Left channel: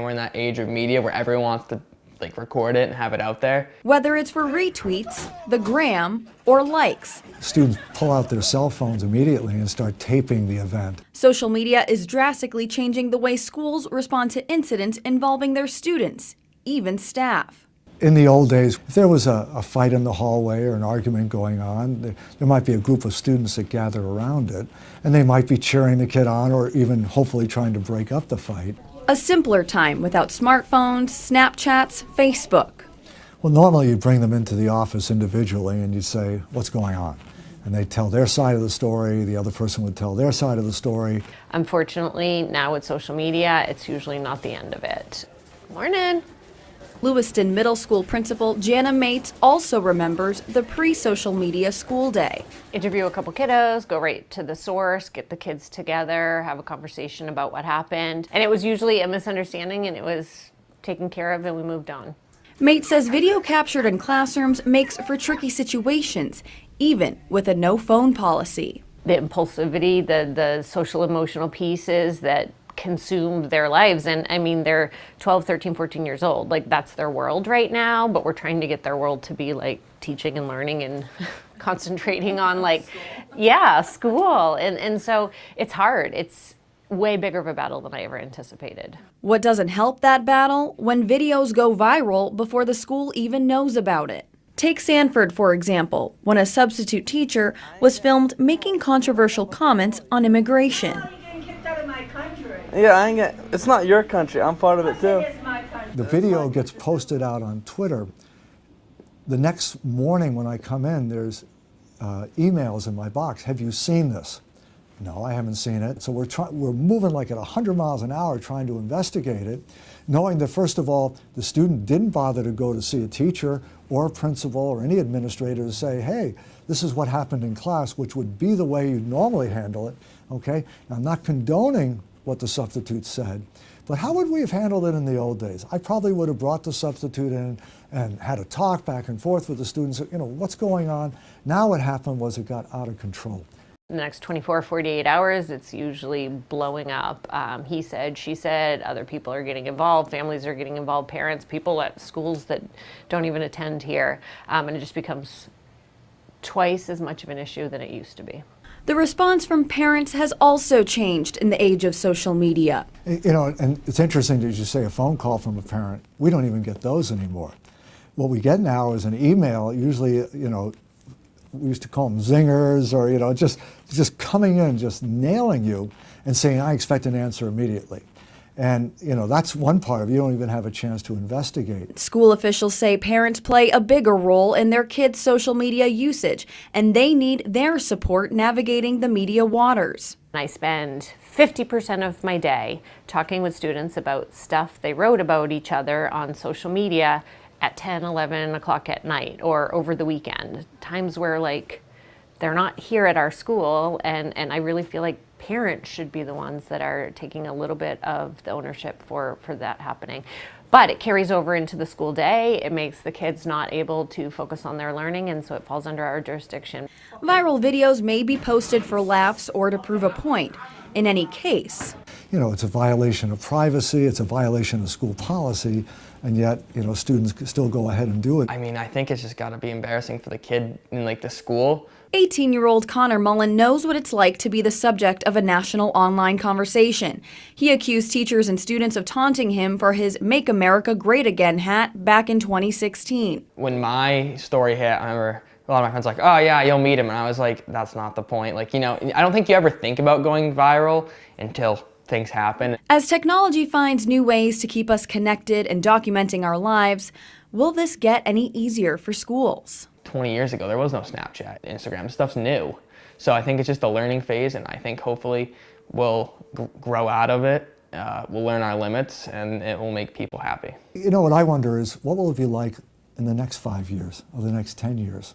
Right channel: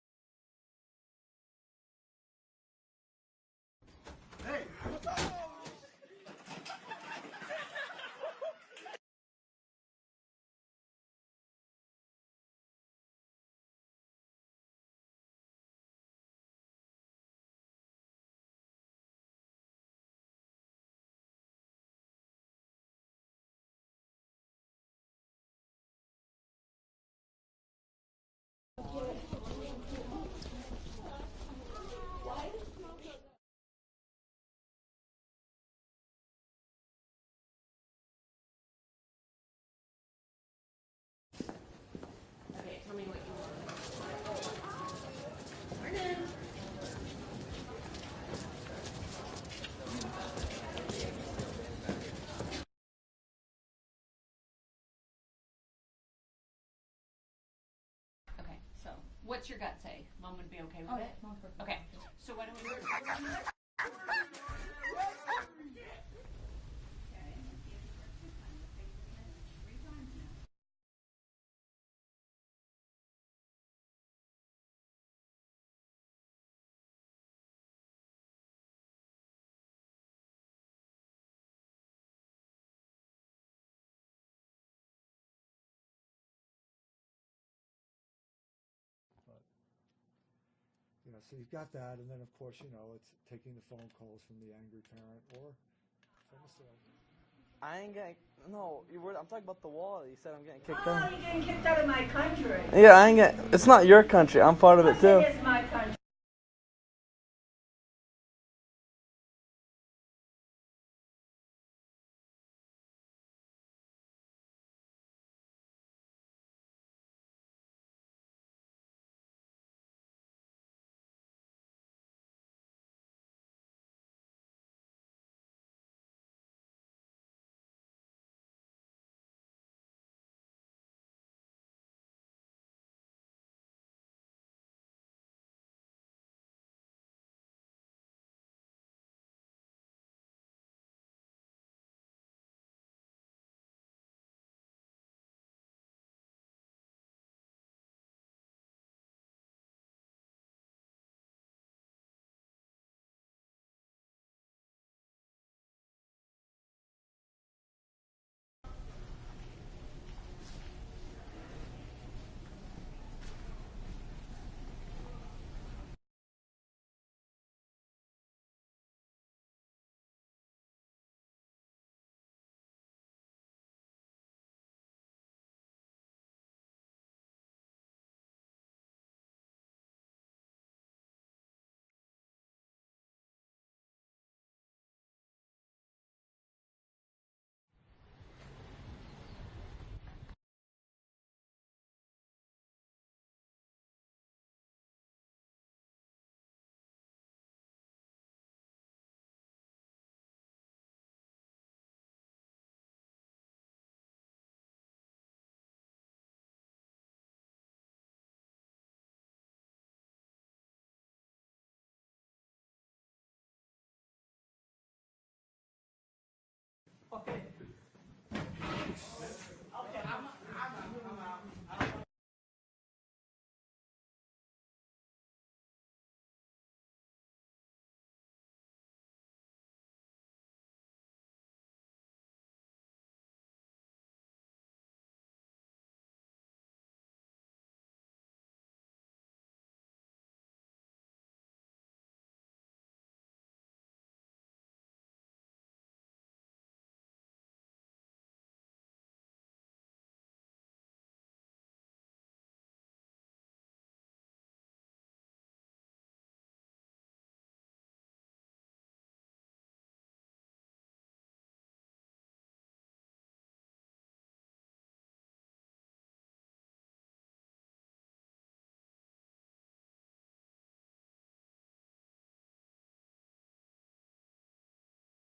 And we're in that age of media where everyone wants to record it and have it out there. Whether it's for retweets, the gram, or likes. Students pull out their cell phones immediately and start taping the event. Social media is drastically changing the way schools respond to incidents involving their students, even staff. In the old days, if there was a fight in the hallway or an argument going on, there might be a group of students that gather around it, and they might be cheering the kid on or even hopefully trying to break up the fight. A simpler time without smartphones, Snapchats, Facebook. Well, normally you'd bring them into the office individually and you'd say, what's going on? And they'd tell their side of the story, the other person would tell their side of the story. Unfortunately, now with social media, it's usually not the end of it. Morning. Lewiston Middle School principal Jana Mates also remembers the pre-social media school day. Interview a couple kiddos, go right to the source, get the kids together, have a conversation about what happened. And it was usually a misunderstanding and it was taken care of and we moved on. Mates says video captured in classrooms makes for tricky situations, even with a no phone policy. The impulsivity, the social emotional pieces that consumed their lives. And I mean, they're 12, 13, 14 years old. That's their world right now, but we're trying to get their world to be teaching and learning and concentrating on school. And so it's hard. It's way bigger of a battle than I ever anticipated. What doesn't help that battle? When videos go viral before the school even knows about it. Take Sanford, for example, when a substitute teacher was filmed making controversial comments on immigration. Yeah, it's not your country. I'm part of it too. The video gets posted out on Twitter. The next morning when I come in, there's emails in my box. Have you seen this? No, I haven't seen it. So we're moving at 100 miles an hour trying to investigate it, knowing that first of all, the student didn't bother to go to see a teacher or a principal or any administrator to say, hey, this is what happened in class, which would be the way you'd normally handle it, okay? Now, I'm not condoning what the substitute said, but how would we have handled it in the old days? I probably would have brought the substitute in and had a talk back and forth with the students, what's going on? Now what happened was it got out of control. In the next 24, 48 hours, it's usually blowing up. He said, she said, other people are getting involved, families are getting involved, parents, people at schools that don't even attend here. And it just becomes twice as much of an issue than it used to be. The response from parents has also changed in the age of social media. And it's interesting that you say a phone call from a parent. We don't even get those anymore. What we get now is an email, usually, we used to call them zingers, or just coming in, just nailing you and saying, I expect an answer immediately. And that's one part of it. You don't even have a chance to investigate. School officials say parents play a bigger role in their kids' social media usage, and they need their support navigating the media waters. I spend 50% of my day talking with students about stuff they wrote about each other on social media at 10, 11 o'clock at night or over the weekend. Times where they're not here at our school, and I really feel like parents should be the ones that are taking a little bit of the ownership for that happening. But it carries over into the school day. It makes the kids not able to focus on their learning, and so it falls under our jurisdiction. Viral videos may be posted for laughs or to prove a point. In any case, it's a violation of privacy, it's a violation of school policy, and yet, students still go ahead and do it. I mean, I think it's just got to be embarrassing for the kid in the school. 18-year-old Connor Mullen knows what it's like to be the subject of a national online conversation. He accused teachers and students of taunting him for his Make America Great Again hat back in 2016. When my story hit, I remember a lot of my friends oh yeah, you'll meet him. And I was like, that's not the point. I don't think you ever think about going viral until things happen. As technology finds new ways to keep us connected and documenting our lives, will this get any easier for schools? 20 years ago, there was no Snapchat, Instagram. This stuff's new. So I think it's just a learning phase, and I think hopefully we'll grow out of it. We'll learn our limits, and it will make people happy. What I wonder is, what will it be like in the next 5 years or the next 10 years?